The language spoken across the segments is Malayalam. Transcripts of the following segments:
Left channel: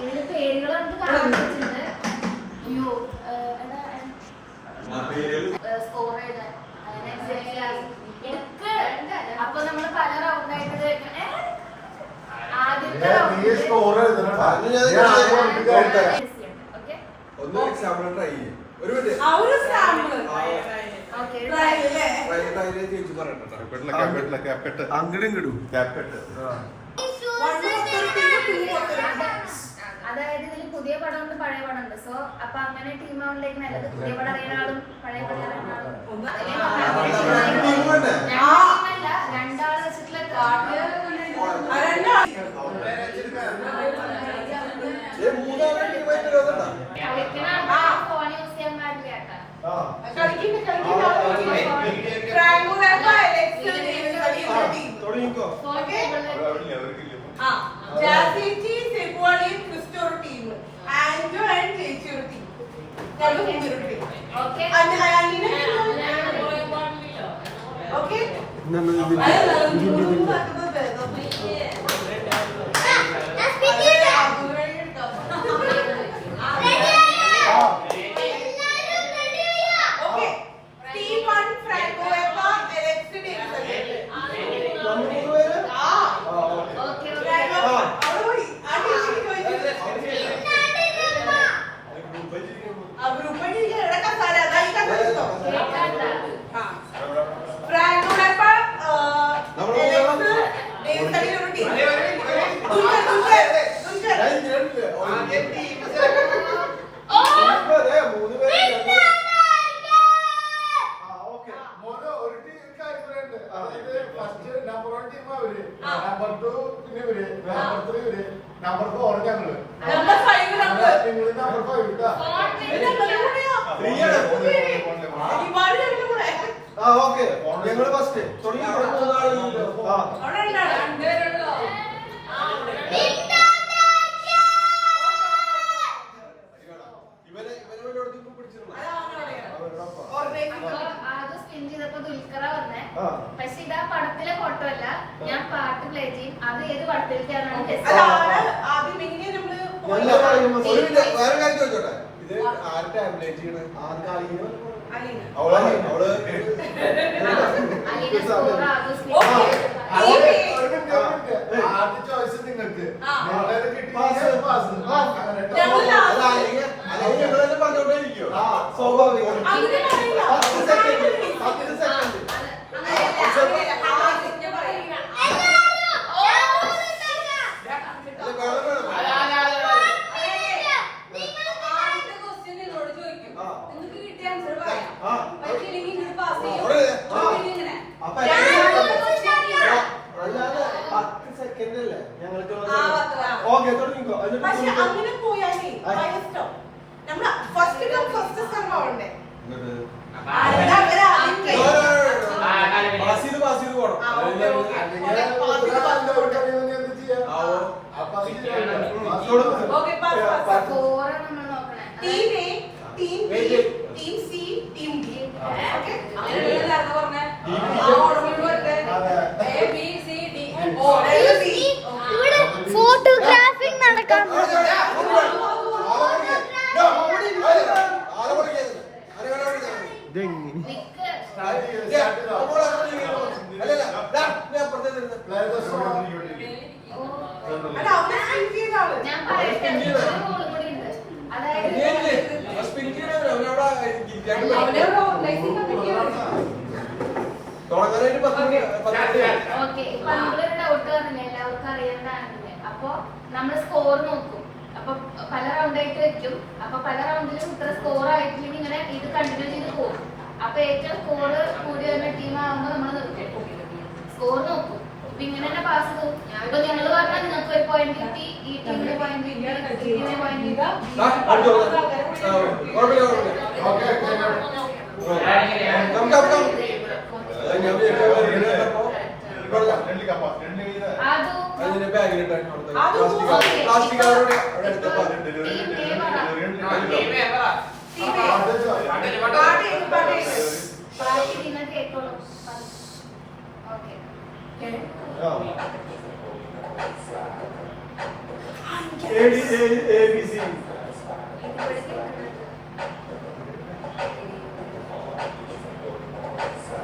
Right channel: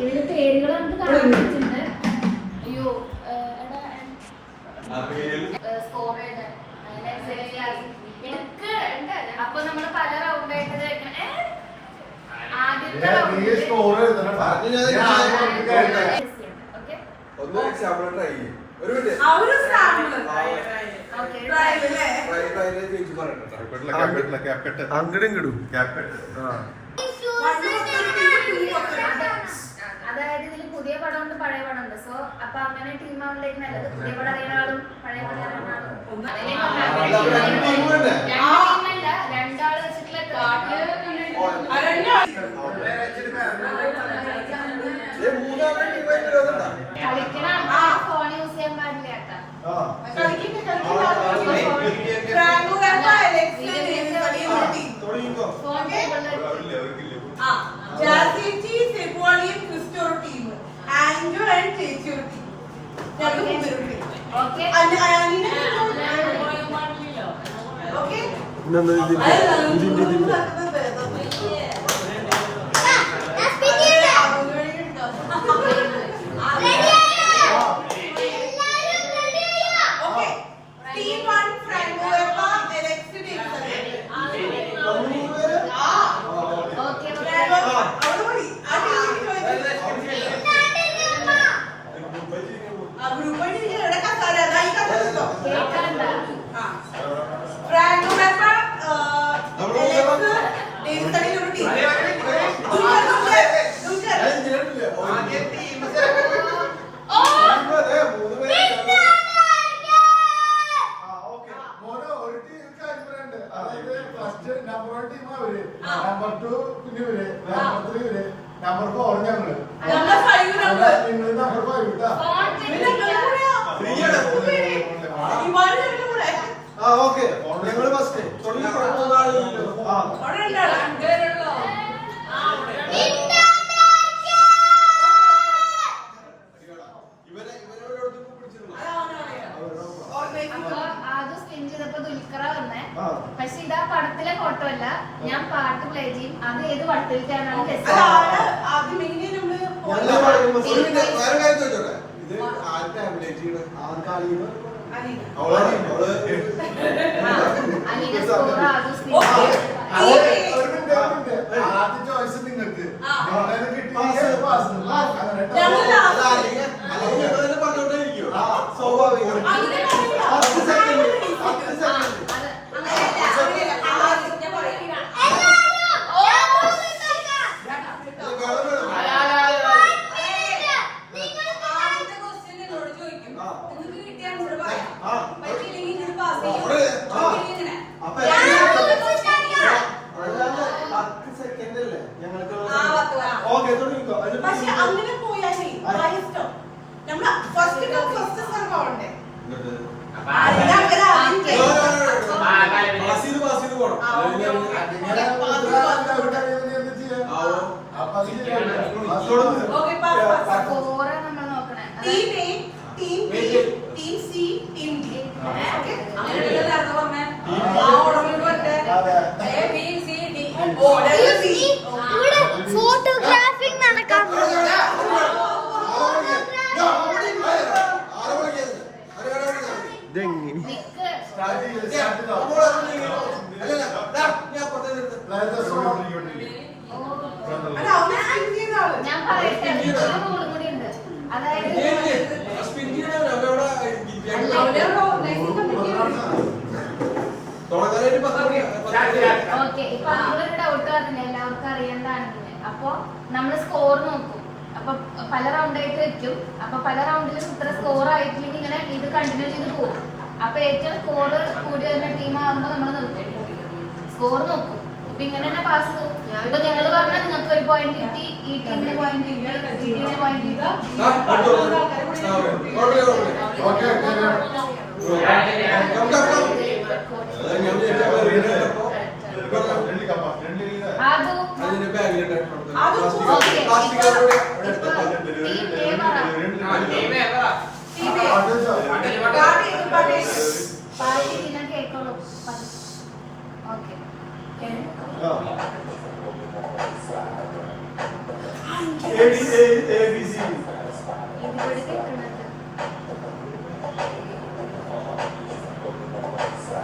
ഇതില് പേരുകൾ നമുക്ക് കാണാൻ പറ്റുന്നുണ്ട്. അയ്യോ സ്കോർ ചെയ്ത് അപ്പൊ നമ്മള് പല റൗണ്ടായിട്ട് ആദ്യത്തെ ഒന്ന് എക്സാമ്പിൾ ട്രൈ ചെയ്യും. ഒരു അതായത് ഇതിൽ പുതിയ പടം ഉണ്ട്, പഴയ പടം ഉണ്ട്. സോ അപ്പൊ അങ്ങനെ ടീം ആവുമ്പോഴേക്ക് നല്ലത് പുതിയ പടം അറിയുന്ന ആളും പഴയ പടം അറിയുന്ന ആളും രണ്ടാള് വെച്ചിട്ടുള്ള കളിക്കുന്ന ആൾക്കാർ ഫോൺ യൂസ് ചെയ്യാൻ പാടില്ല കേട്ടോ. നമ്പർ 4 ഞങ്ങള് നമ്പർ 5 ഇട്ടാ ഓക്കെ ഞങ്ങള് ഫസ്റ്റ് പക്ഷെ ഇതാ പടത്തിലെ ഫോട്ടോ അല്ല, ഞാൻ പാട്ട് പ്ലേ ചെയ്യും. അത് ഏത് പടത്തിലേക്കാണ് ആദ്യ ചോയ്സ് നിങ്ങൾക്ക് സ്വാഭാവികം. അങ്ങനെ പോയാലേ ഫസ്റ്റ് സ്ഥലമാവണ്ടേ ഫോട്ടോഗ്രാഫി നടക്കാം. ഞാൻ പറയട്ടെ, ഡൗട്ട് പറഞ്ഞില്ല എല്ലാവർക്കും അറിയേണ്ടതാണെങ്കില്. അപ്പൊ നമ്മള് സ്കോർ നോക്കും. അപ്പൊ പല റൗണ്ടായിട്ട് വെക്കും. അപ്പൊ പല റൗണ്ടിലും ഇത്ര സ്കോർ ആയിട്ടില്ലെങ്കിൽ ഇങ്ങനെ ഇത് കണ്ടിന്യൂ ചെയ്ത് പോകും. അപ്പൊ ഏറ്റവും സ്കോർ കൂടി വരുന്ന ടീം ആകുമ്പോൾ നമ്മൾ നിർത്തും, സ്കോർ നോക്കും. അപ്പൊ ഇങ്ങനെ തന്നെ പാസ് ചെയ്തു. ഇപ്പൊ നിങ്ങൾ പറഞ്ഞാൽ നിങ്ങൾക്ക് ഒരു പോയിന്റ് കിട്ടി, ഈ ടീമിന് പോയിന്റ് കിട്ടി, ഈ ടീമിന് പോയിന്റ് കിട്ടി.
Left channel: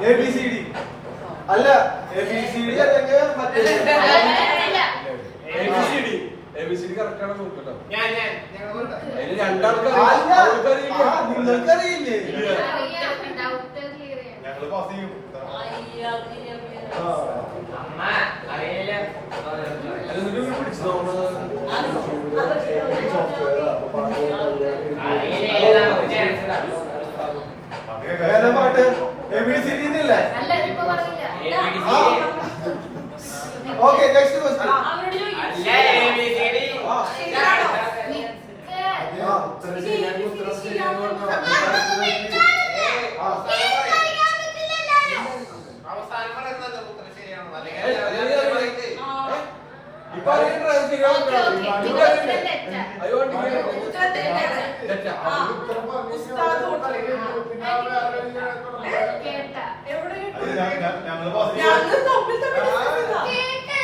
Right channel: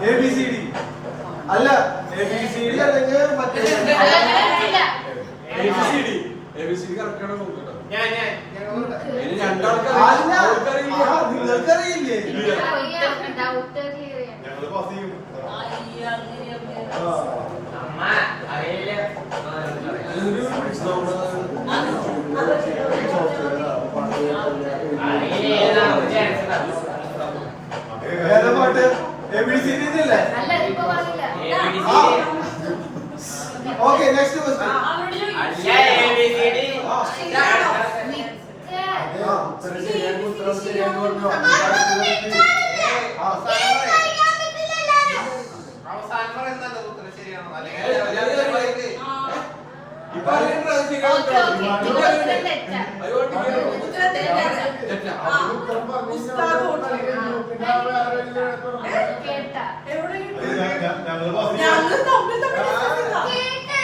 ABCD അല്ല ABCD അല്ലെങ്കിൽ മറ്റേ ABCD correct ആണോ നോക്കട്ടോ. അല്ല നിങ്ങൾക്കറിയില്ലേ? നിങ്ങൾക്കറിയില്ലേ ഞങ്ങള് പാസ് ചെയ്യും. ഏതാ പാട്ട് ABCD ഇല്ലേ? അല്ല ഇപ്പൊ പറഞ്ഞില്ല. ഓക്കെ നെക്സ്റ്റ് ക്വസ്റ്റ്യൻ ഞങ്ങള് പാസ് ചെയ്യും. ഞങ്ങൾ തമ്മിൽ തമ്മിൽ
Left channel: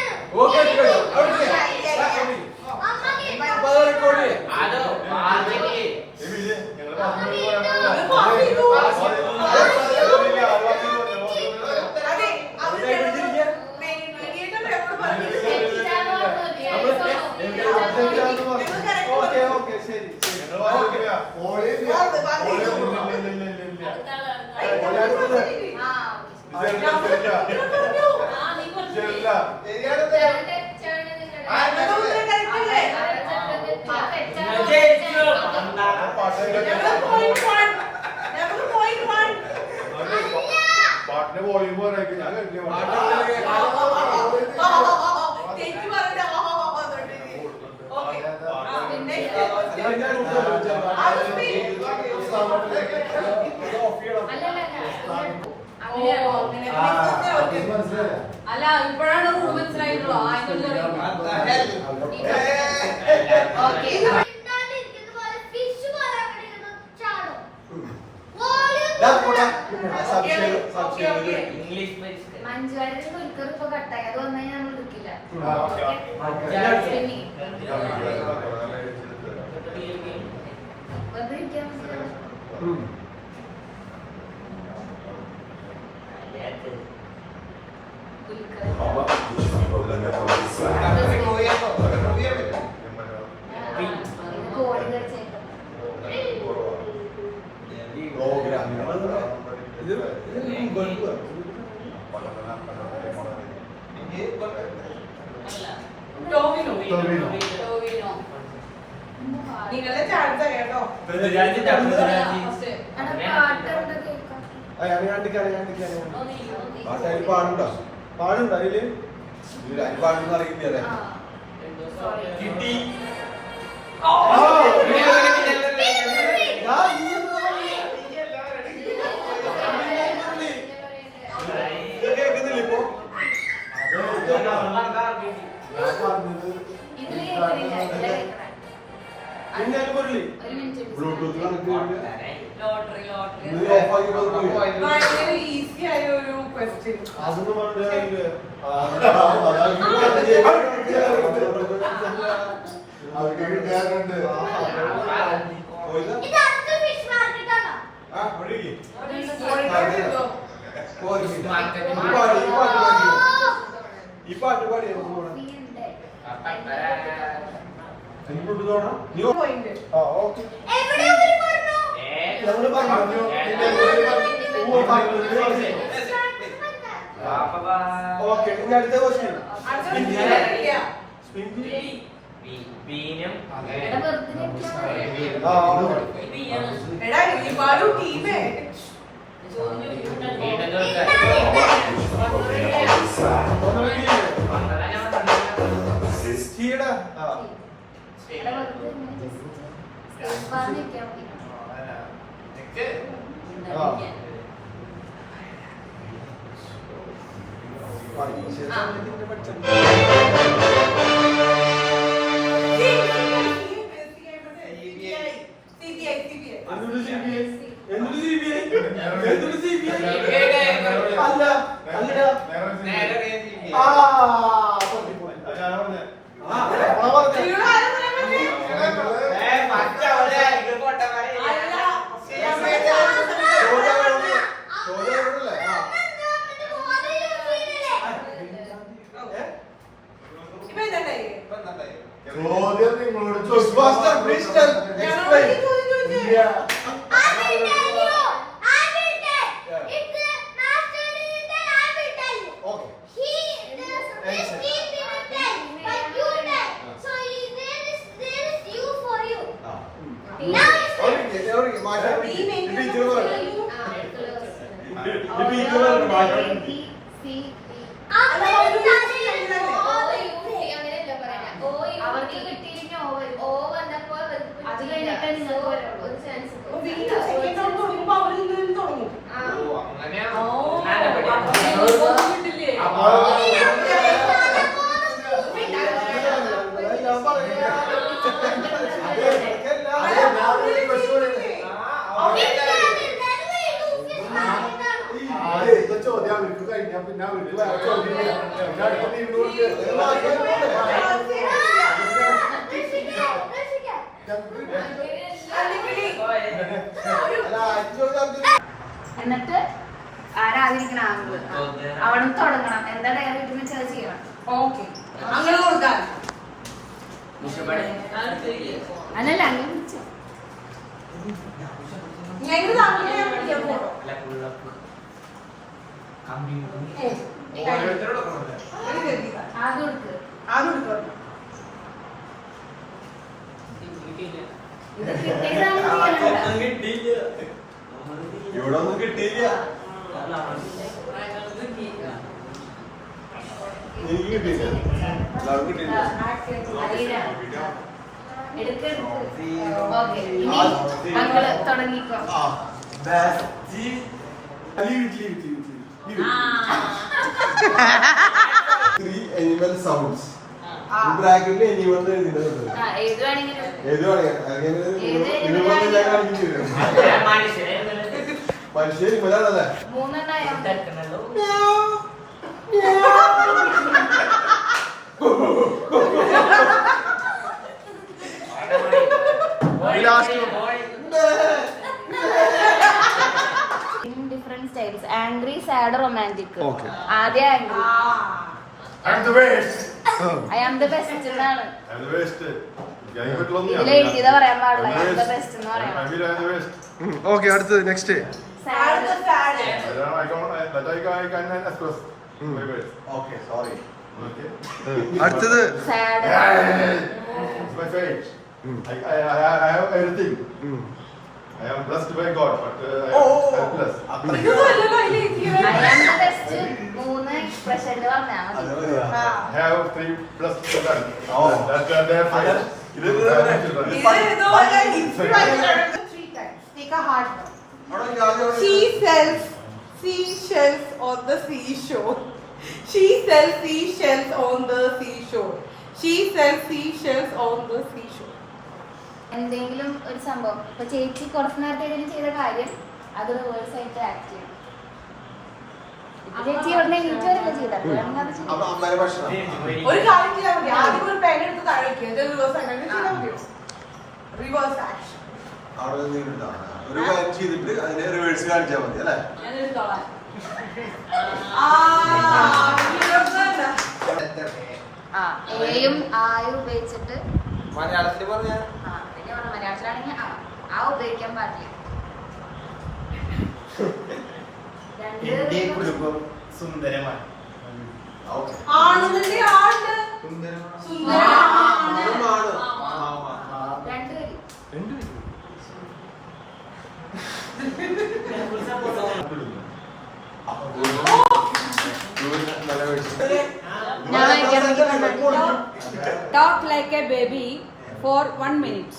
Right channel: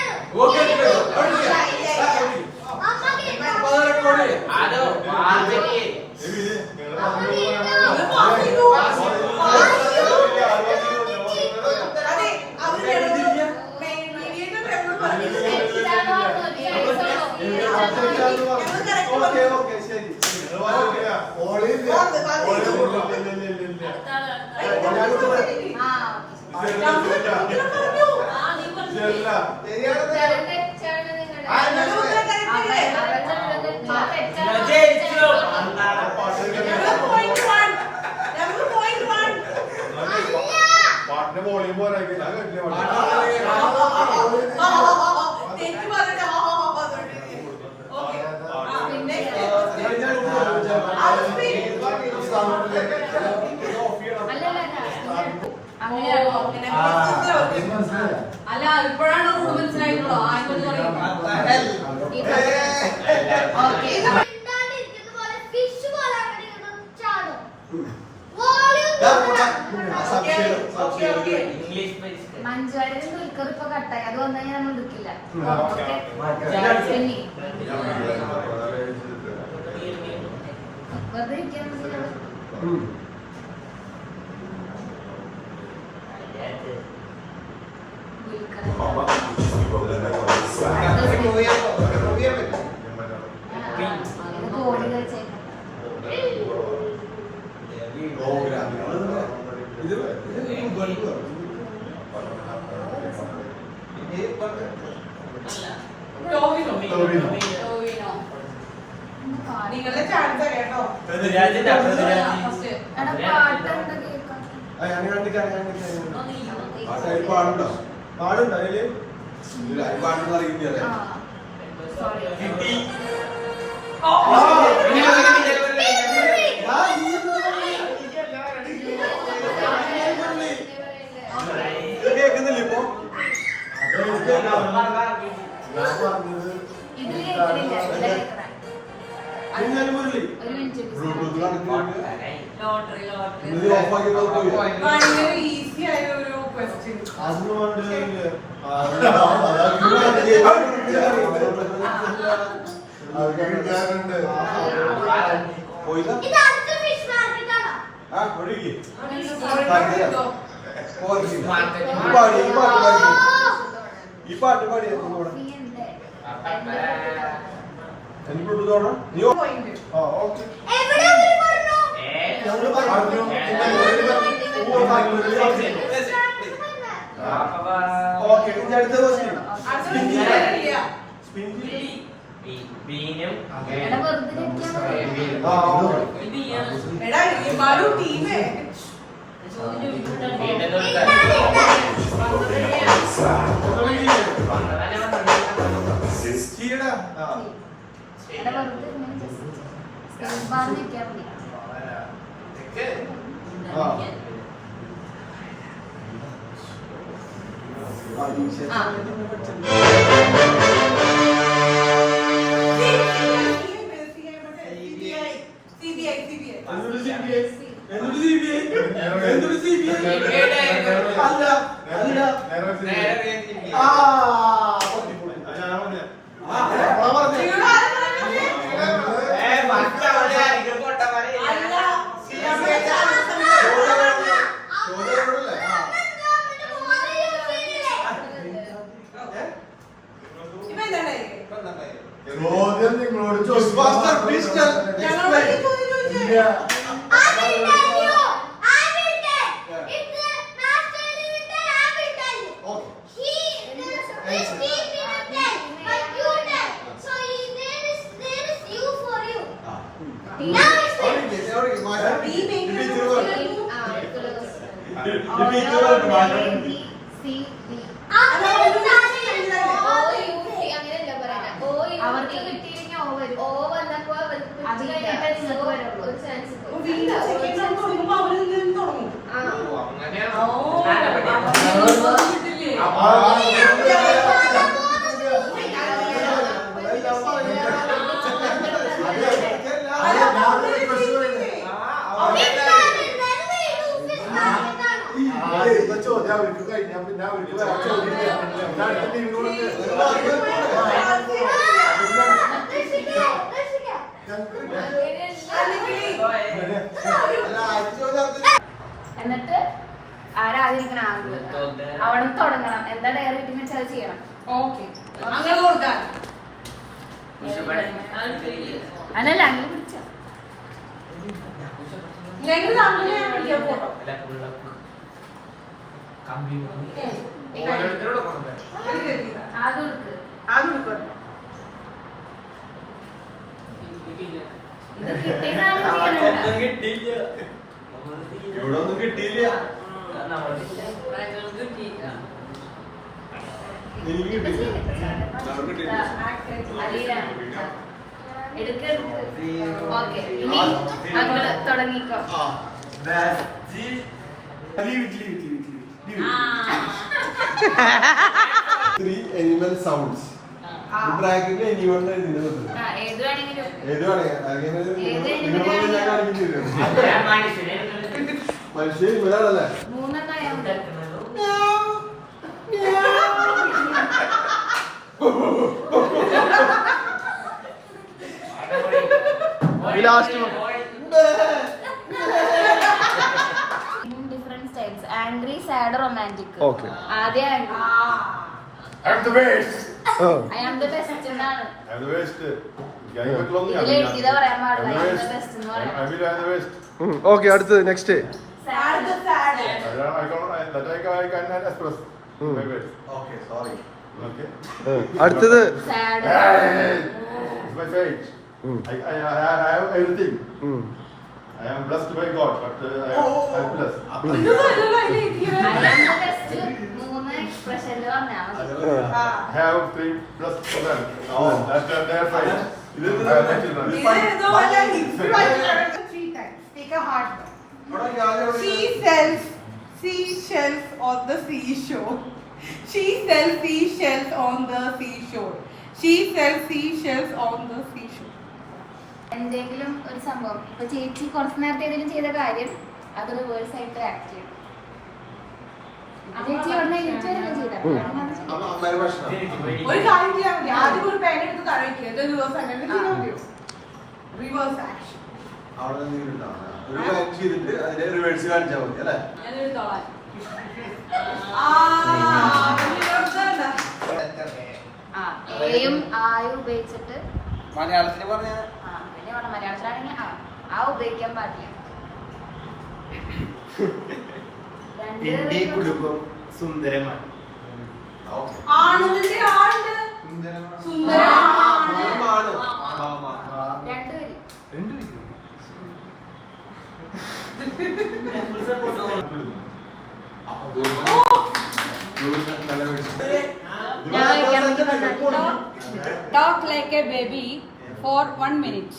പാട്ടിന്റെ വോളിയം പോരായിരിക്കും. ഞാൻ കേട്ടില്ല പാട്ട്. അല്ല ഇപ്പോഴാണ് റൂൾ മനസ്സിലായിട്ടുള്ളൂ മഞ്ജുവാരുടെ ദുൽഖർ ഇപ്പൊ കട്ടായി അത് വന്നാൽ ഞാൻ എടുക്കില്ല. വെറുതെ ഇരിക്കാൻ നിങ്ങളെ ചാൻസ് കേട്ടോ. പാടുണ്ടോ പാടുണ്ടോ അതില് പാടുന്ന അറിയില്ലേ കേൾക്കുന്നില്ല ഇപ്പൊ ബ്ലൂടൂത്ത് ഭയങ്കര ഈസി ആയ ഒരു ക്വസ്റ്റ്യൻ. ഈ പാട്ട് പാടിയ നീ പോയിന്റ്. ഓക്കെ ഓക്കെ ഇനി അടുത്ത ക്വസ്റ്റ്യൻ എടാ ഇവാളു ടീമേ ചോദ്യം നിങ്ങളോട് Ghostbuster, please tell. ഞങ്ങളോട് ചോദിച്ചു ഇല്ല. അവർക്ക് കിട്ടിയില്ലെങ്കിൽ ഓ വന്നപ്പോ അത് കഴിഞ്ഞിട്ട് നിങ്ങൾക്ക് വരുള്ളൂ ഒരു ചാൻസ് വീണ്ടും സെക്കൻഡ് റൗണ്ട് തുടങ്ങുമ്പോ അവരിൽ നിന്ന് തുടങ്ങും കിട്ടില്ലേ ചോദ്യം അവർക്ക് കഴിഞ്ഞാൽ പിന്നെ അവർക്ക് വേറെ ചോദ്യം ഇല്ല. പിന്നെ അടുത്ത ടീമിനോട് എന്നിട്ട് ആരാധിക്കണം ആംഗിള് അവിടെ തുടങ്ങണം എന്താ ഡയറി കിട്ടുമ്പോൾ അത് ചെയ്യണം ഓക്കെ അങ്ങനെ കൊടുക്കാൻ അല്ലല്ല അങ്ങനെ വിളിച്ചോ ഞങ്ങൾ താങ്കളെ ഞാൻ വിളിക്കാൻ പോട്ടോ അത് കൊടുക്ക് അത് വിളിക്കാം ഇത് കിട്ടിയതാണ് ഇവിടെ ഒന്നും കിട്ടിയില്ല. എനിക്ക് കിട്ടിയില്ല. അവർക്ക് കിട്ടിയില്ല. അറിയില്ല എടുക്ക് ഓക്കെ ഇനി മകള് തുടങ്ങിക്കോ Three animal sounds. ഈ ബ്രാക്കറ്റിൽ anyone എന്ന് എഴുതിയിട്ടുണ്ട്. ആ ഏത് വേണമെങ്കിലും ഏത് വേണേ? അങ്ങനെ നിങ്ങൾ ഞാൻ കാണിക്കേണ്ടി വരും. മനുഷ്യൻ ഇവരാണല്ലേ? മൂന്നെണ്ണായോണ്ട് different styles angry sad romantic Okay. ആദ്യം angry I'm the best. I am the best എന്നാണ് I'm the best. ഗൈബത്തിലൊന്നും ഞാൻ ഇതിൽ എഴുതിയത് പറയാൻ പാടില്ല I'm I the am the best. Best എന്ന് I'm പറയാം the best. ഓക്കെ അടുത്തത് next. Sad That I can express my best. Okay sorry. Okay. അടുത്തത് sad It's my fate. I have everything. I am blessed by God, but I'm blessed. ഇത് നല്ലതല്ലേ ഇരിക്കുന്നത്? ഐ ആം ദ ബെസ്റ്റ് മൂന്ന് എക്സ്പ്രഷനിൽ പറഞ്ഞാൽ മതി I have 3 blessed children. That's their fate. I have children. ഇത് ഇതുപോലെ three times. Take a hard one. She sells seashells on the seashore. She sells seashells on the seashore. She sells seashells on the seashore. എന്തെങ്കിലും ഒരു സംഭവം ഇപ്പൊ ചേച്ചി കുറച്ച് നേരത്തെ ഏതെങ്കിലും ചെയ്ത കാര്യം അത് റിവേഴ്സ് ആയിട്ട് ആക്ട് ചെയ്യും ചേച്ചി ഇവിടെ ചെയ്താൽ അമ്മയുടെ ഭക്ഷണം. ഒരു കാര്യം ചെയ്യാൻ മതി. ആദ്യം ഒരു പേന എടുത്ത് താഴെ വെക്കുക. ഇത് reverse ആക്കാൻ ചെയ്യാൻ മതിയോ? Reverse action. അവിടെ നിന്നിട്ടുണ്ടോ? ഒരു കാര്യം ചെയ്തിട്ട് അതിനെ റിവേഴ്സ് കാണിച്ചാൽ മതി അല്ലേ? എയും ആയും ഉപയോഗിച്ചിട്ട് മലയാളത്തിൽ പറഞ്ഞ ആ പിന്നെ പറഞ്ഞ മലയാളത്തിലാണെങ്കിൽ ആ ഉപയോഗിക്കാൻ പാടില്ല എന്റെ കുടുംബം സുന്ദരമാണ്. ആണെന്നിന്റെ ആളുണ്ട്. സുന്ദരമാണ്. രണ്ടുപേരും Talk like a baby for 1 minute.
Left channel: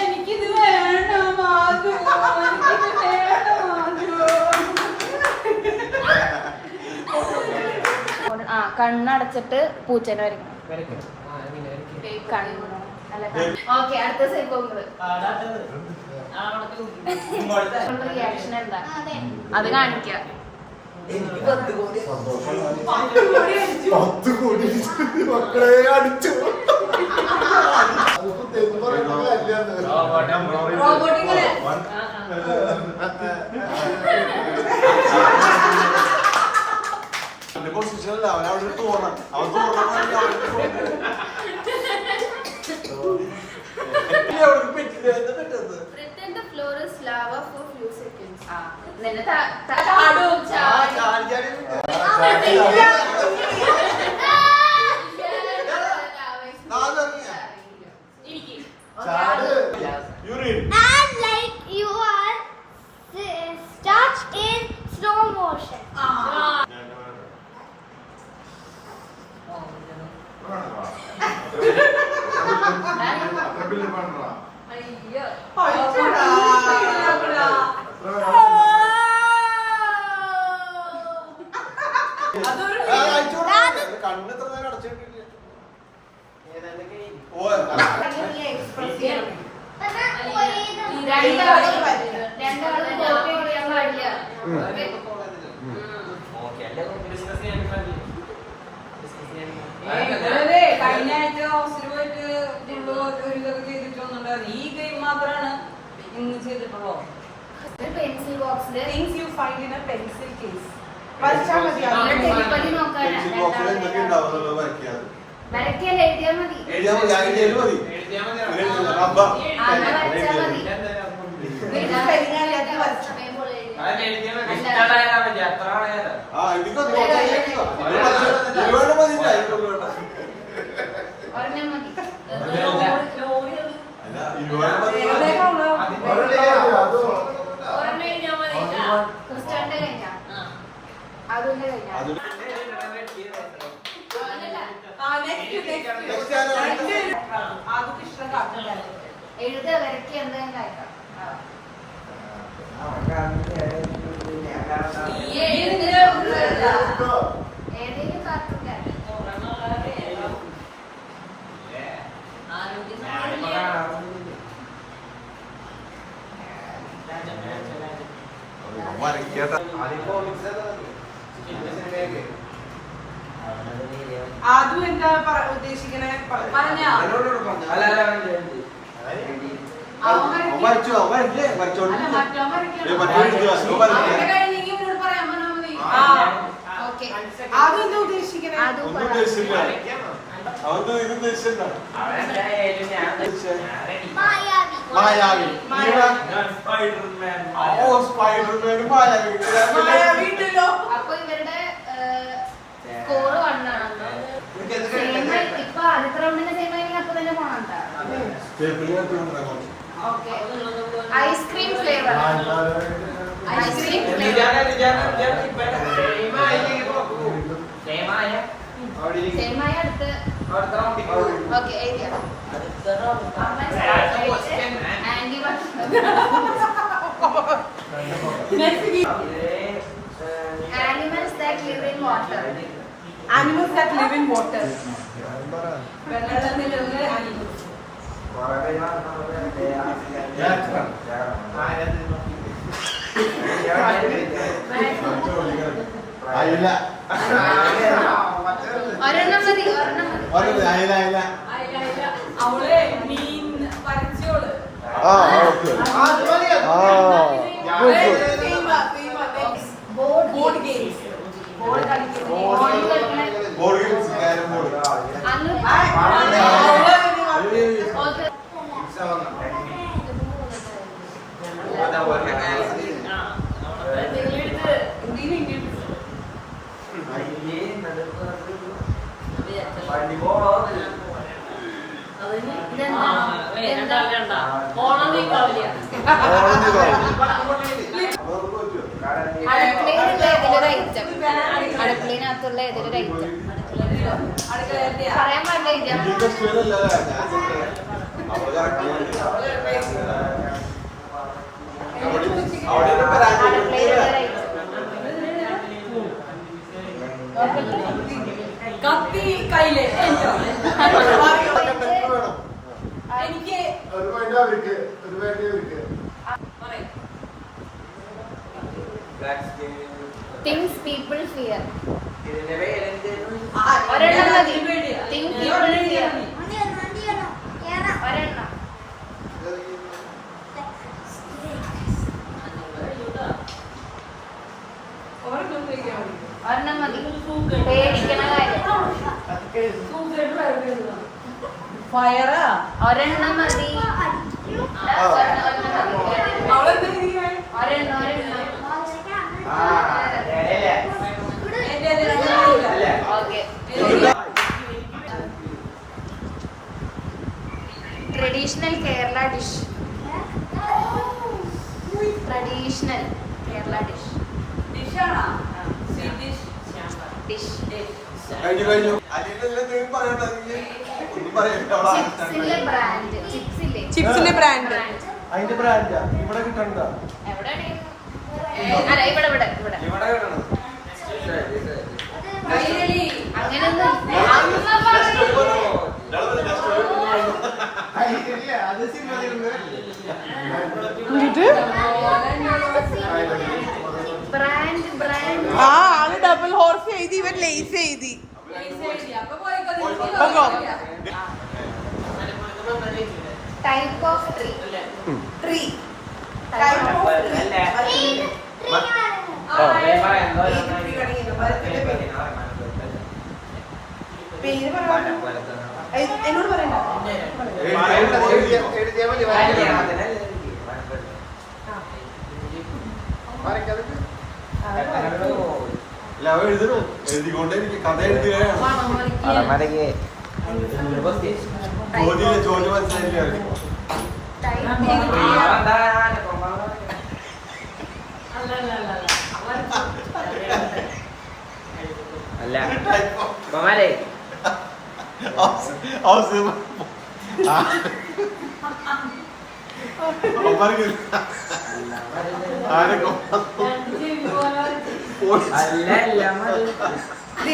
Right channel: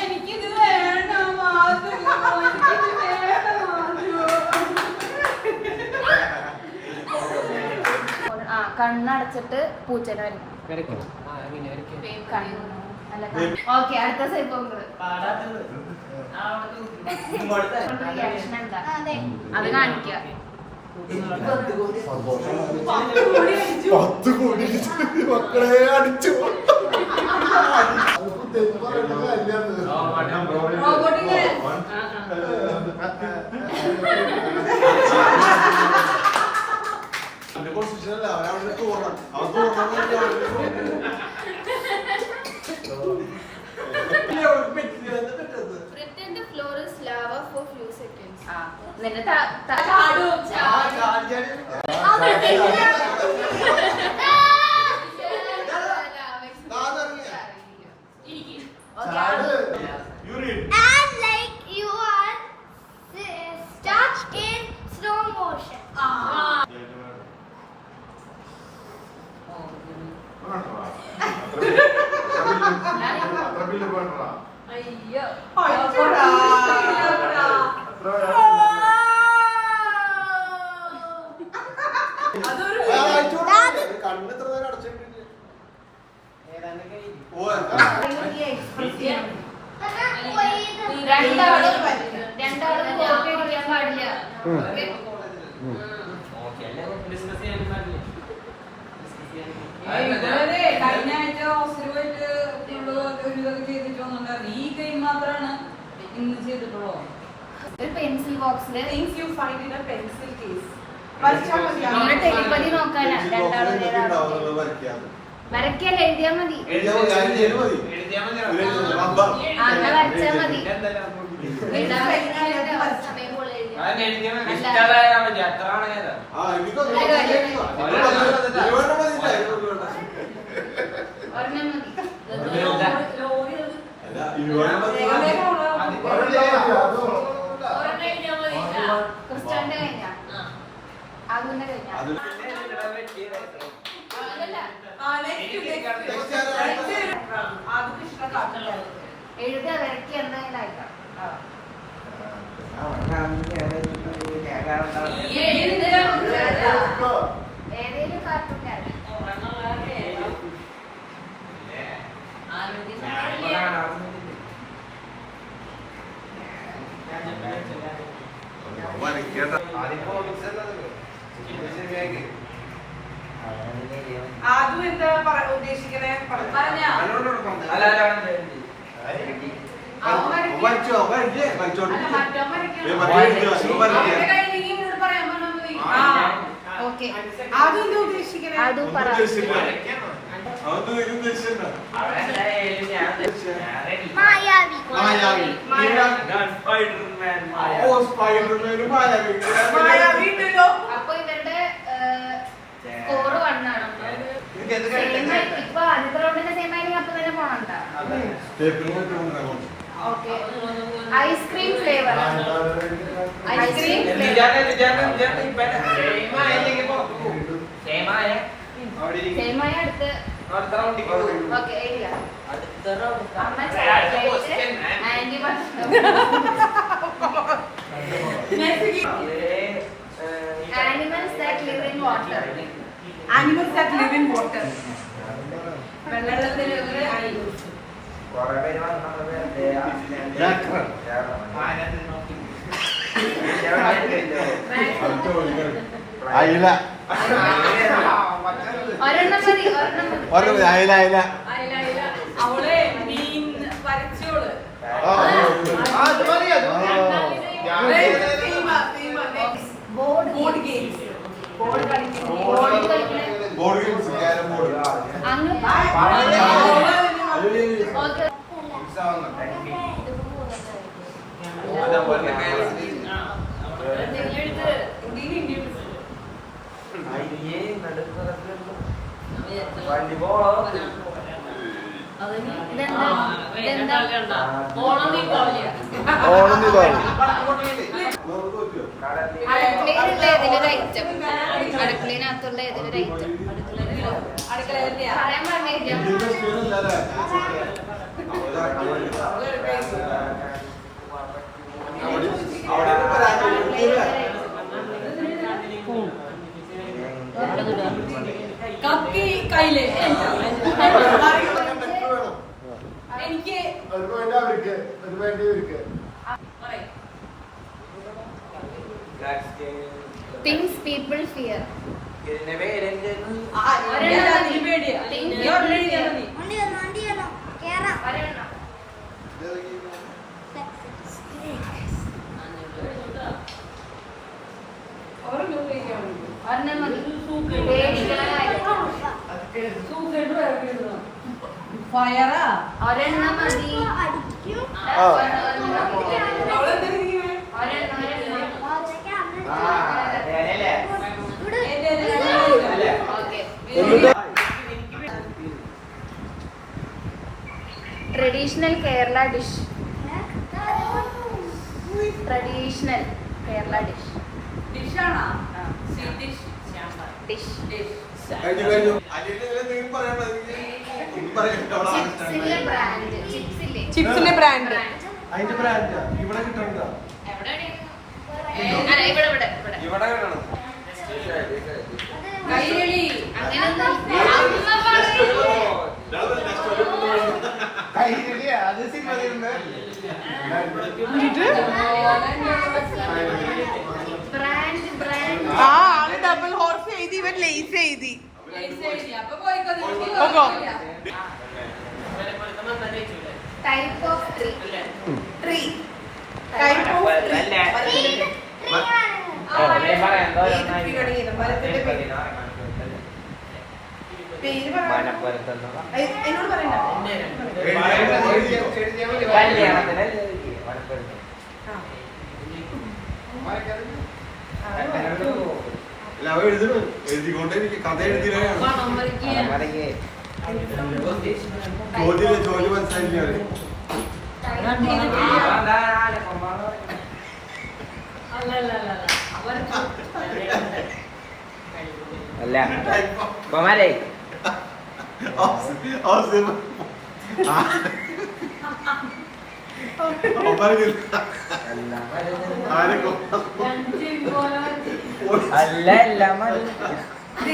എനിക്കിത് വേണം ആദ്യം. എനിക്കിത് വേണം ആദ്യം. ആ കണ്ണടച്ചിട്ട് പൂച്ചനെ വരും ഓക്കെ അടുത്ത സൈബോങ്ങള് റിയാക്ഷൻ ഉണ്ടാകും അത് കാണിക്കാം 10 കോടി മക്കളെ അടിച്ചു റോബോട്ടിങ്ങളെ പ്രൊഫഷണൽ അവൻ അവിടെ തോന്നണം അവൻ തോന്നണം Pretend the floor is lava for few seconds. എന്നിട്ട് ചാടും, You read. And like you are stuck in slow motion. അയ്യോ. അയ്യോടാ. അതൊരു കണ്ണെത്ര നേരം അടച്ചിട്ടില്ല എക്സ്പ്രസ് ചെയ്യണം. രണ്ടാളും കോപ്പറേറ്റ് ചെയ്യാൻ പാടില്ല. അതെ, കഴിഞ്ഞ ആഴ്ച ഹോസ്റ്റലിൽ പോയിട്ട് ഒരു ഇതൊക്കെ ചെയ്തിട്ട് വന്നിട്ടുണ്ടായിരുന്നു. ഈ ഗെയിം മാത്രമാണ് ഇന്ന് ചെയ്തിട്ടുള്ളൂ. ഒരു pencil ബോക്സില് Things you find in a pencil case. വരച്ചാൽ മതി. നമ്മള് ടെലിപ്പതി നോക്കാനാ. എന്തൊക്കെ ഉണ്ടാവുന്നത് വരയ്ക്കാറ് വരയ്ക്കല്ല, എഴുതിയാൽ മതി. എഴുതിയാൽ മതി അബ്ബ അങ്ങനെ വരച്ചാൽ മതി. ആ എനിക്കൊന്നും ഒരുപാട് മതിയില്ല ഒരെണ്ണം മതി. ഒരെണ്ണം കഴിഞ്ഞാൽ മതി. ക്രിസ്റ്റാന്റെ കഴിഞ്ഞാ അതിന്റെ കഴിഞ്ഞാ അതല്ല, അത് കൃഷ്ണ കാട്ടുണ്ടായിരുന്നു. എഴുത വരയ്ക്കുക എന്തെങ്കിലും ആയിക്കാം. ഏതെങ്കിലും കാർട്ടൂൺ അതും എന്താ ഉദ്ദേശിക്കണേ പറഞ്ഞോ? വരച്ചു വരല്ലേ വരച്ചോണ്ട് അല്ല മറ്റോ അവരുടെ കഴിഞ്ഞ് ഇങ്ങോട്ട് പറയാൻ പറഞ്ഞാൽ മതി. ഓക്കെ. അതും എന്താ ഉദ്ദേശിക്കണേ അതും ഒന്നും പറ. ഉദ്ദേശിച്ചില്ല അവർക്ക് ഇത് ഉദ്ദേശിച്ചില്ല Mayavi. മായാവി ഓ സ്പൈഡർമാൻ മായാവി വീട്ടിലോ അപ്പൊ ഇവരുടെ സ്കോർ വണ്ണാണ്. ഇപ്പൊ ആദ്യത്തെ റൗണ്ടിന്റെ സെയിം ആയി അപ്പൊ തന്നെ പോണണ്ട. Okay. Ice cream flavour. Ice cream same ആയി അടുത്ത. ഓക്കെ, എഴുതിയാ aunty animals that live in water. Animals that live in water. വെള്ളത്തിലുള്ള animals. അയില ഒരെണ്ണം മതി, ഒരെണ്ണം മതി. ഒരു അയില അയില അയില. അവള് മീൻ വരച്ചോള്. ആ ഓക്കെ ബോർഡ് games. ബോർഡ് കളിക്കുന്നത്. ബോർഡ് കളിക്കുന്ന ബോർഡ് ഗെയിംസ് ക്യാരം ബോർഡ് അങ്ങ് ഓക്കെ. അടുക്കളയിലുള്ള ഏതൊരു ഐറ്റം, അടുക്കളയിനകത്തുള്ള ഏതൊരു ഐറ്റം അടുക്കള പറയാൻ പാടില്ല. കത്തി കയ്യില് എനിക്ക് തിങ്സ് പീപ്പിൾ ഫിയർ. ഒരെണ്ണം മതി. പേടി. ഫയറാ ഒരെണ്ണം മതി. ആ. Traditional Kerala dish. Traditional Kerala dish. ഡിഷാണോ? Sweet dish. ഡിഷ്. കഴിഞ്ഞു കഴിഞ്ഞു. അല്ലെങ്കിൽ നിങ്ങൾ പറയണ്ട, ഒന്നും പറയണ്ട. ചിപ്സിന്റെ ബ്രാൻഡ്. ചിപ്സില്ലേ? ചിപ്സിന്റെ ബ്രാൻഡ്. അതിന്റെ ബ്രാൻഡാ ഇവിടെ കിട്ടണ്ട. എവിടെയാണ്? അല്ല, ഇവിടെ ഇവിടെ ഇവിടെ. ഇവിടെ കിട്ടണം. കൈരളി. അങ്ങനെയൊന്നും അത് സിനിമയിൽ ബ്രാൻഡ് ബ്രാൻഡ്. ആ അത് ഡബിൾ ഹോർസ് എഴുതി, ഇവൻ ലേസ് എഴുതി. അപ്പൊ പോയിക്കോ. പോകോ. Type of tree. Tree. Type of tree. പേര് പറയാം. എന്നോട് പറയണ്ട. ഞാൻ എഴുതണു, എഴുതിക്കൊണ്ടേ കഥ എഴുതുകയാണ്. ജോലി മനസ്സിലാക്കിയാണ്.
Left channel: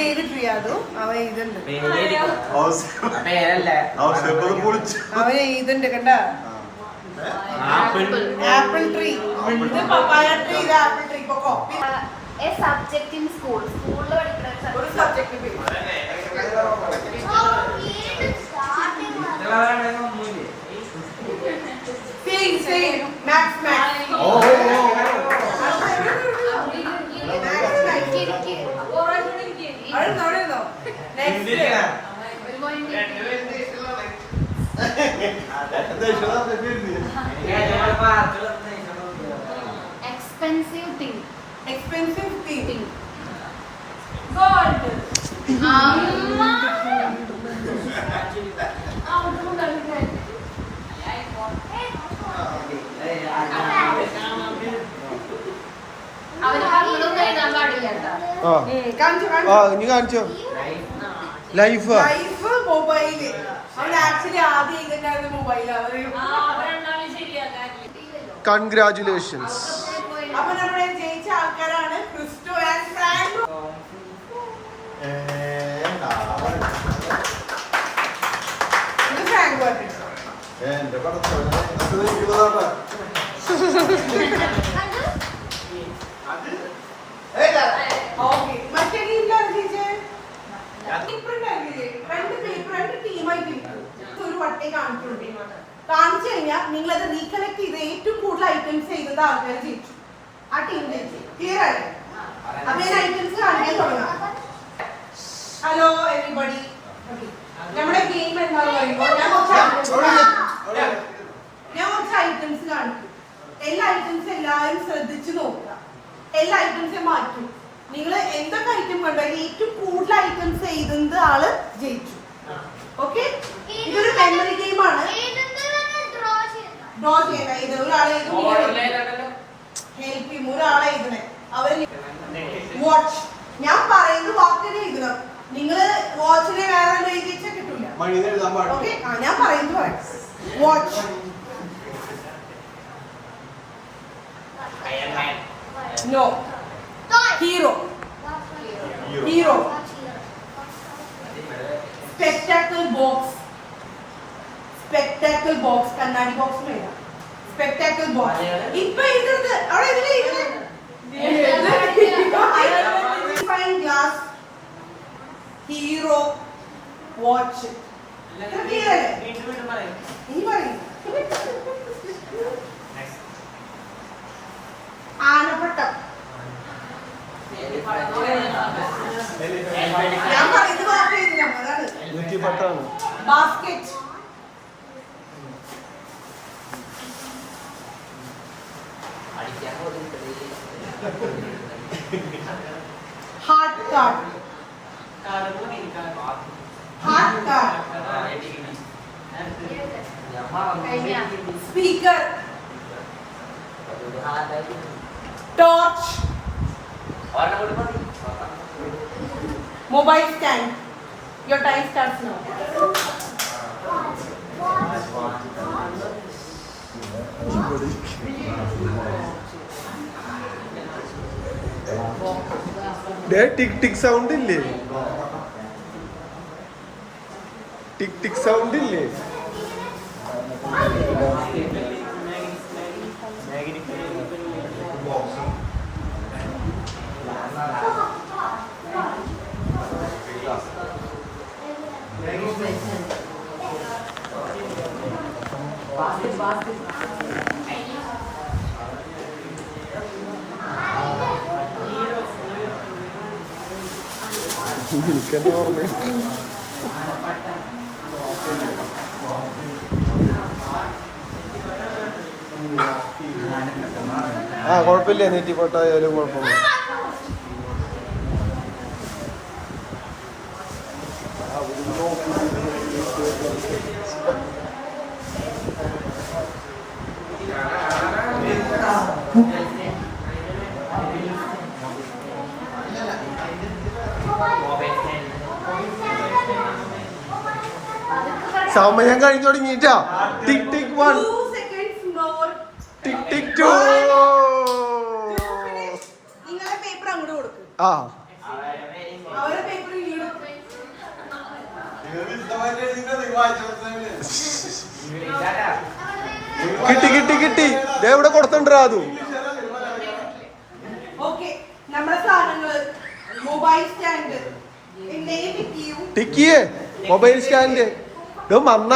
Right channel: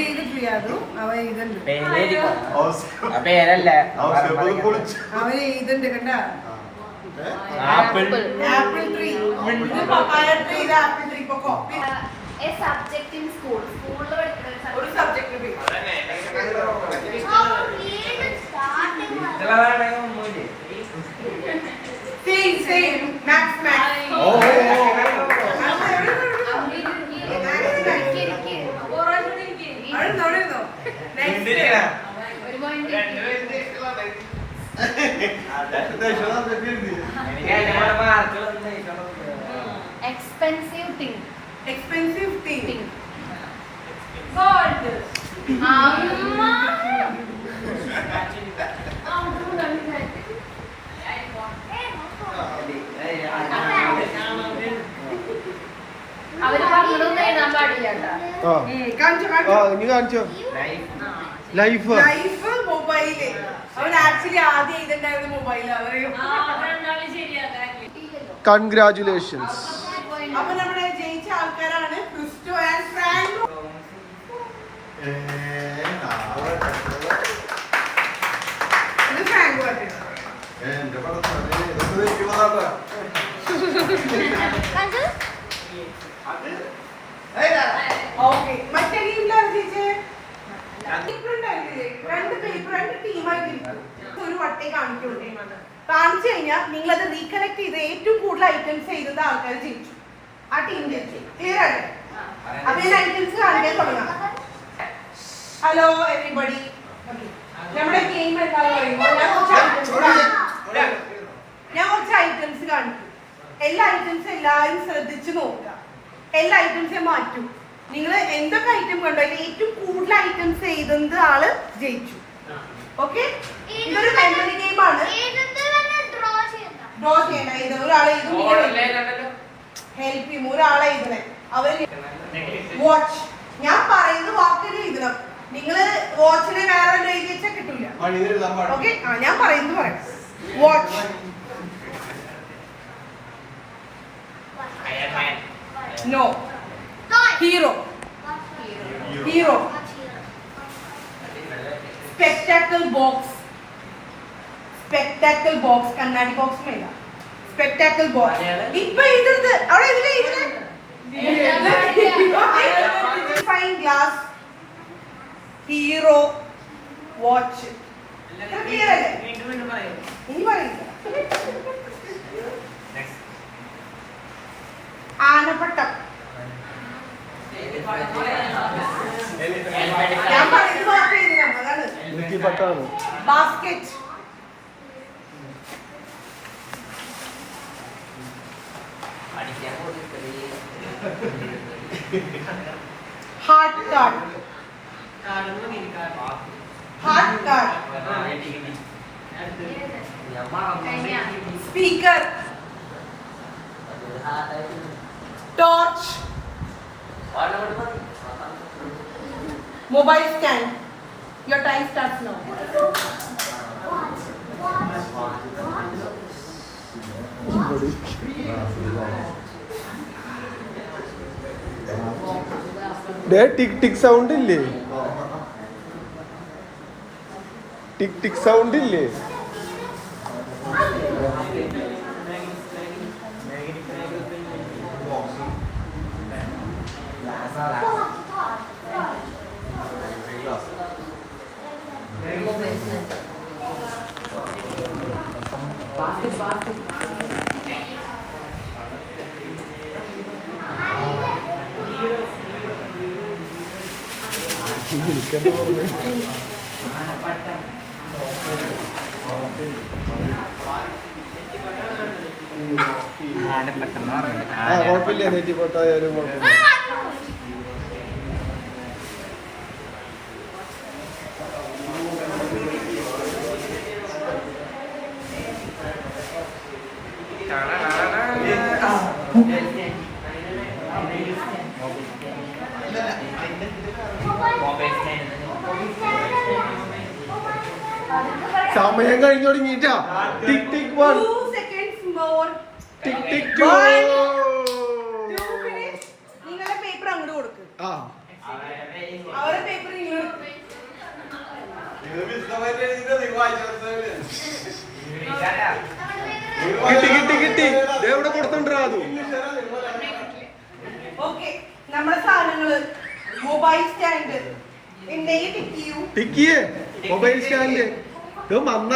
ഏത് ട്രീ അത്? അവൻ എഴുതുന്നുണ്ട്. അവൻ എഴുതുന്നുണ്ട് കണ്ട. Apple tree. ഇത് പപ്പായ ട്രീ, ഇത് ആപ്പിൾ ട്രീ. ഇപ്പൊ copy A subject in school. സ്കൂളിൽ പഠിക്കുന്ന ഒരു subject tree. Same same maths maths. Expensive thing. Expensive thing. Gold. അവര് പറഞ്ഞതൊന്നും എഴുതാൻ പാടില്ല കേട്ടോ. കാണിച്ചോ ആ ഇനി കാണിച്ചോ. Life life mobile. അവൻ ആക്ച്വലി ആദ്യം എഴുതണ്ടായിരുന്നു മൊബൈൽ. അവര് കൺഗ്രാറ്റുലേഷൻസ്. അപ്പൊ നമ്മുടെ ജയിച്ച ആൾക്കാരാണ് ക്രിസ്റ്റോ ആൻഡ് ഫ്രാങ്കോ. ഇത് ഫ്രാങ്കോ ആയിട്ട്. എന്റെ പടത്തോടെ ഇതൊക്കെ വെക്കുള്ളതാ. ഓക്കെ മറ്റേ ഗെയിമിലാണ് ജയിച്ചത്. പേപ്പർ ഉണ്ടായിരുന്നില്ലേ? രണ്ട് പേപ്പർ രണ്ട് ടീമായിട്ടിരിക്കും. ഒരു വട്ടേ കാണിക്കുള്ളൂ. കാണിച്ചു കഴിഞ്ഞാൽ നിങ്ങൾ അത് റീകളക്ട് ചെയ്ത് ഏറ്റവും കൂടുതൽ ഐറ്റംസ് ചെയ്തത് ആൾക്കാർ ജയിച്ചു. ആ ടീം ജയിച്ചു. ക്ലിയർ ആണ്? അപ്പൊ ഞാൻ ഐറ്റംസ് കാണിക്കാൻ തുടങ്ങാം. Hello everybody. നമ്മുടെ ഗെയിം എന്താണെന്ന് പറയുമ്പോൾ ഞാൻ കുറച്ച് ഐറ്റംസ് കാണിക്കും. എല്ലാ ഐറ്റംസും എല്ലാവരും ശ്രദ്ധിച്ചു നോക്കുക. എല്ലാ ഐറ്റംസും മാറ്റും. നിങ്ങൾ എന്തൊക്കെ ഐറ്റം കണ്ടോ അതിൽ ഏറ്റവും കൂടുതൽ ഐറ്റംസ് ചെയ്തത് ആള് ജയിച്ചു. ഓക്കെ? ഇതൊരു മെമ്മറി ഗെയിം ആണ്. ഡ്രോ ചെയ്യണ്ട. ഇത് ഒരാളെ ഹെൽപ്പ് ചെയ്യും. ഒരാളെ എഴുതണേ. അവര് വാച്ച്. ഞാൻ പറയുന്ന വാക്കുകൾ എഴുതണം. നിങ്ങള് വാച്ചിനെ വേറെ എഴുതി വെച്ചാൽ കിട്ടൂല. ഓക്കെ? ആ ഞാൻ പറയുന്നത് പറയാം. Watch. No. Hero. Hero. Spectacle box. Spectacle box. കണ്ണാടി ബോക്സ് മേല. Spectacle box. ഇപ്പൊ എഴുതുന്നത് അവിടെ fine glass. Hero. Watch. Clear അല്ലേ? ഇനി പറയുന്നത് ആനപ്പട്ടം. ഞാൻ പറയുന്നത് അതാണ്. നെറ്റിപ്പട്ടാണ്. Basket. Heart card. Heart card. Speaker. Torch. Mobile stand. Your time starts now. Tick tick sound ഇല്ലേ? ടിക് ടിക് സൗണ്ട് ഇല്ലേ? എനിക്കെന്താ ഓർമ്മ? കുഴപ്പമില്ല, നെറ്റിപ്പട്ടായാലും കുഴപ്പമില്ല. സമയം കഴിഞ്ഞു തുടങ്ങിട്ടാ. ടിക് ടിക് 1, 2 seconds more. ടിക് ടിക് 2. നിങ്ങളെ പേപ്പർ അങ്ങോട്ട് കൊടുക്കും. ആ അവരുടെ പേപ്പർ കിട്ടി കിട്ടി കിട്ടി. എവിടെ കൊടുത്തിട്ടുണ്ടാ അത്? ഓക്കെ. നമ്മുടെ സാധനങ്ങള് മൊബൈൽ സ്റ്റാൻഡ് ടിക്കിയേ മൊബൈൽ സ്റ്റാൻഡ് മന്ന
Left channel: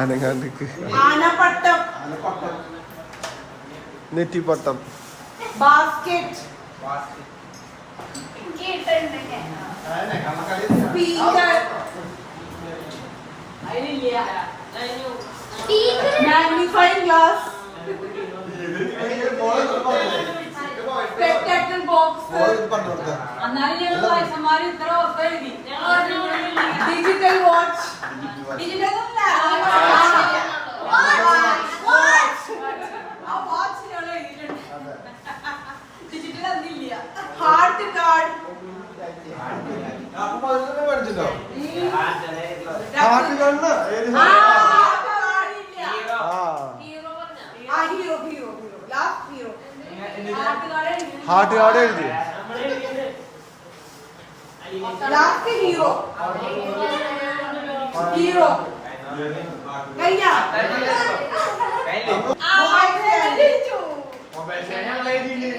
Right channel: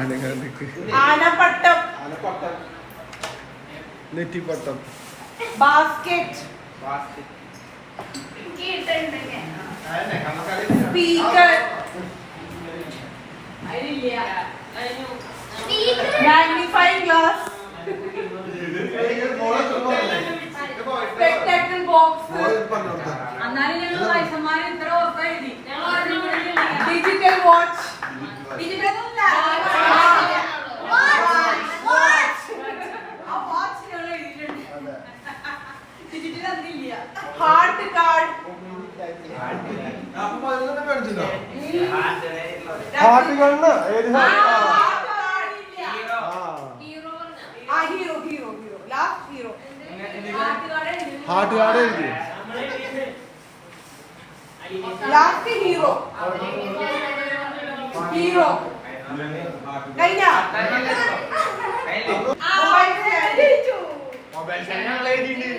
അനങ്ങാണ്ടിക്ക് ആനപ്പട്ടം നെറ്റിപ്പട്ടം basket speaker magnifying glass spectacle box എന്നാലും ഞങ്ങൾ വയസ്സന്മാർ ഇത്ര ഓർത്ത് എഴുതി ഡിജിറ്റൽ വാച്ച് ഡിജിറ്റൽ ഡിജിറ്റൽ അതില്ല ഹാർട്ട് കാർഡ് ഹാർട്ട് കണ്ണ ഏത് hero hero hero last hero heart card എഴുതി ലാസ്റ്റ് ഹീറോ ഹീറോ കഴിഞ്ഞ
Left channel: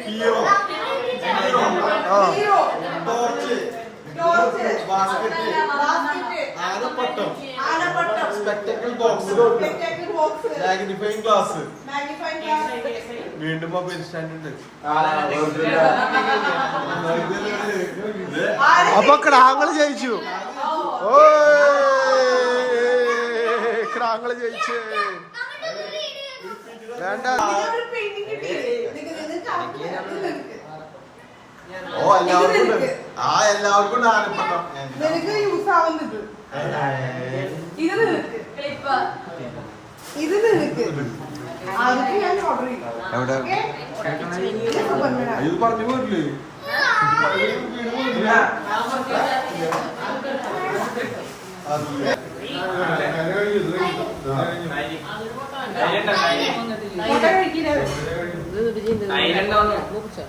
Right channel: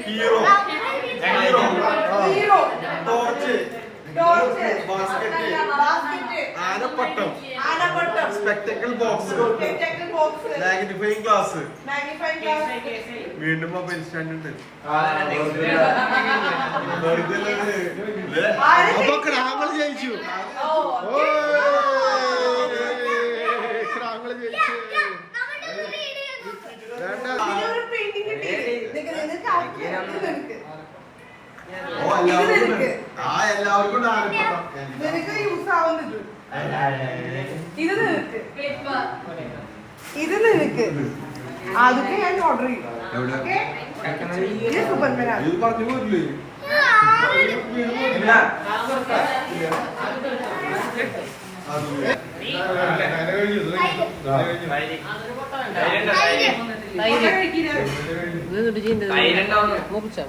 hero hero torch torch basket ആനപ്പട്ടം ആനപ്പട്ടം spectacle box spectacle box magnifying glass magnifying glass വീണ്ടും മൊബൈൽ സ്റ്റാൻഡ്. അപ്പൊ ക്രാങ്ങള് ജയിച്ചു. ക്രാങ്ങള് ജയിച്ചു. വേണ്ട എല്ലാവർക്കും നിനക്ക് യൂസ് ആവുന്നുണ്ട് ഇത് നിനക്ക് ഇത് നിനക്ക് അതൊക്കെ ഞാൻ ഓർഡർ ചെയ്യും ഇത് സൂപ്പർമാനാണ് ഇത് പറഞ്ഞു പോരില്ലേ?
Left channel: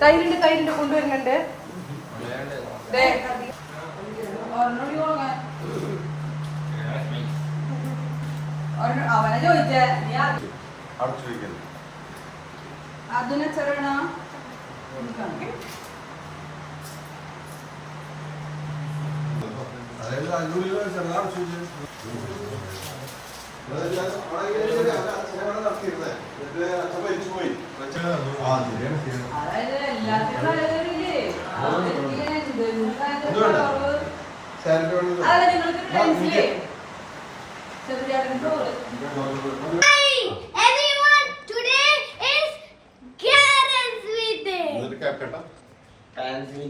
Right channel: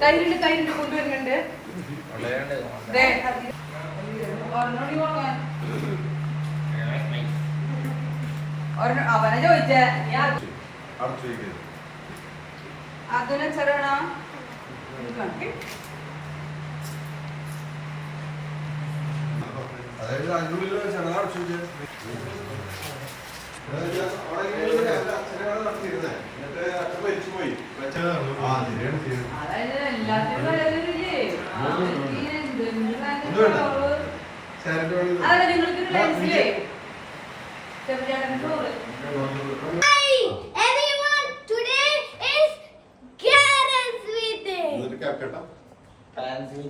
തൈരുണ്ട് തൈരുണ്ട് കൊണ്ടുവരുന്നുണ്ട് അവനെ ചോദിച്ചേ അതിനെ ചെറണ അതായത് അഞ്ഞൂറ് ചെറുതാണ് അതല്ല എല്ലാത്തിനും ചെറുതായിട്ട് വേണം. അതെ നിങ്ങൾക്ക് ഡാൻസിലേ ചെറുതായിട്ട് Hi, everyone. Today is Karen's meeting. എന്നിട്ട് കേൾക്കട്ടെ. ഫാൻസി